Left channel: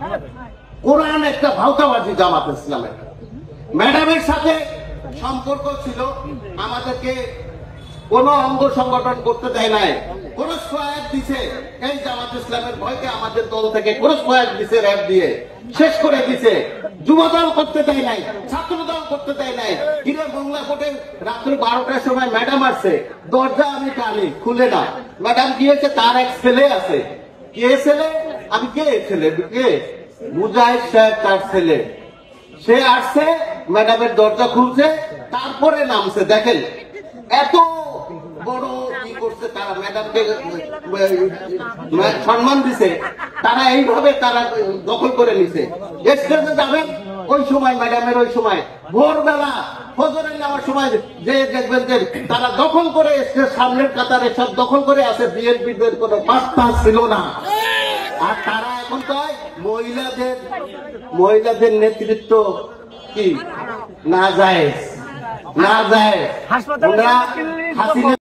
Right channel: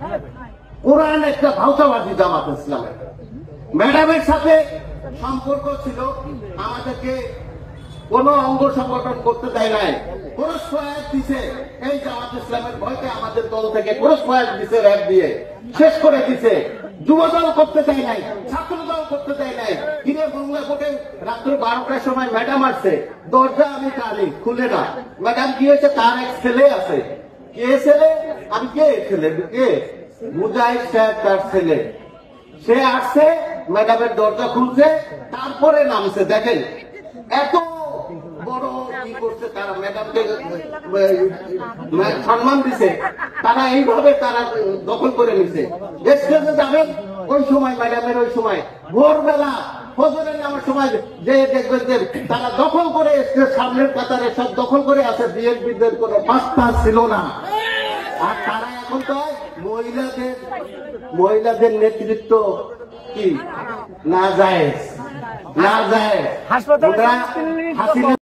ভাওতাবাজি, কোরআন একটা ভাওতাবাজি জামাত ইসলামের। ম্যাডামের সাথে সম্পর্ক ছিল, আমাদেরকে কোন অঙ্গ সংগঠন করতে দেয় নাই, কোন সহায়ক দিছে এই জামাত ইসলামের ভয়কে আমাদের দল থেকে কোন সহায়ক দিছে, র্যাব দিয়ে শেষ করে দিছে। যুবদল করতে দেয় নাই, ছাত্রদল করতে দেয় নাই। কিনে বাংলা কোর্টে রাত্রে 12টার সময় ম্যাডাম আসছে, দরজা আমি টানি, খুলে না। ম্যাডাম গিয়েছে, তার এক ছেলে আছে। কে ছেলে? আমি কে ছেলে? কে? মুজাহিদ সাহেব তার ছেলে। সে আসছে, ম্যাডামের দরজা খুলছে, তারপরে নামছে। দেখেন এত বড় কি করছে তারা, ম্যাডামকে সম্মান দিছে, তারা এইভাবে তারা দখল করে নিছে। স্টেজে যাবেন ওই সময়, ম্যাডামের ওই সময় ভোরবেলা ফজরের নেওয়ার সময় যে দেখবেন যে তারা দখল করে স্টেজ সামনের কাতারে সব দখল করে আছে। বিএনপিদের কোনো পাত্তা ছিল না। আর তারা এখন কয় মহিলাদের নেতৃত্ব কি না যায়, না যায়।